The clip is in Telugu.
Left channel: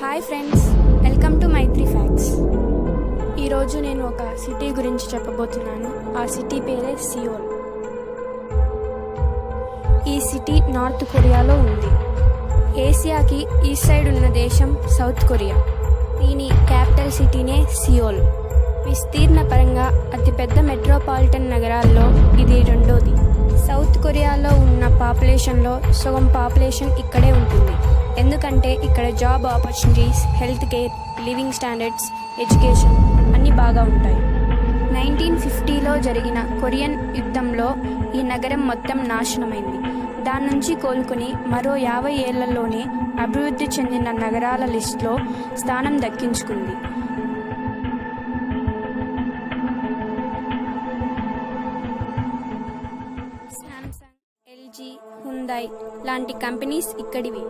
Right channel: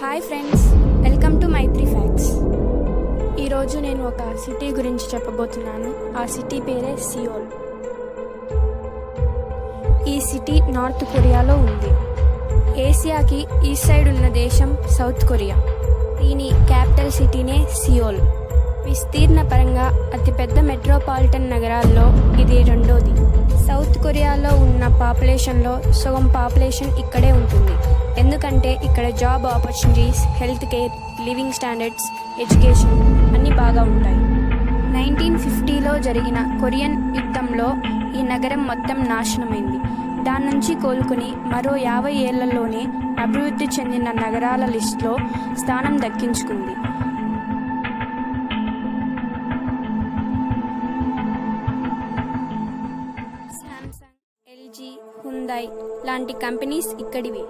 Hi friends, welcome to Maitri facts. ఈరోజు నేను ఒక సిటీ గురించి చెప్పబోతున్నాను. ఆ సిటీ పేరే సియోల్. ఈ సిటీ నార్త్ కొరియాలో ఉంది. ఏసియాకి ఈస్ట్ సైడ్ ఉన్న దేశం సౌత్ కొరియా. దీని క్యాపిటల్ సిటీనే సియోల్. విస్తీర్ణ పరంగా అతిపెద్ద మెట్రోపాలిటన్ నగరాల్లో ఇది రెండోది. సౌత్ కొరియాలో ఉన్న పాపులేషన్లో సగం పాపులేషన్ ఇక్కడే ఉంటుంది. ఎందుకంటే ఇక్కడ job opportunities, health care, living standards, education అన్నీ బాగా ఉంటాయి. 1950లో జరిగిన కొరియన్ యుద్ధంలో ఈ నగరం మొత్తం నాశనమైంది. దాని నుంచి కోలుకుని మరో 50 ఏళ్లలోనే అభివృద్ధి చెందిన నగరాల లిస్టులో స్థానం దక్కించుకుంది. శాంసంగ్, ఎల్జీ, హుందాయ్ లాంటి కంపెనీస్ ఇక్కడివి.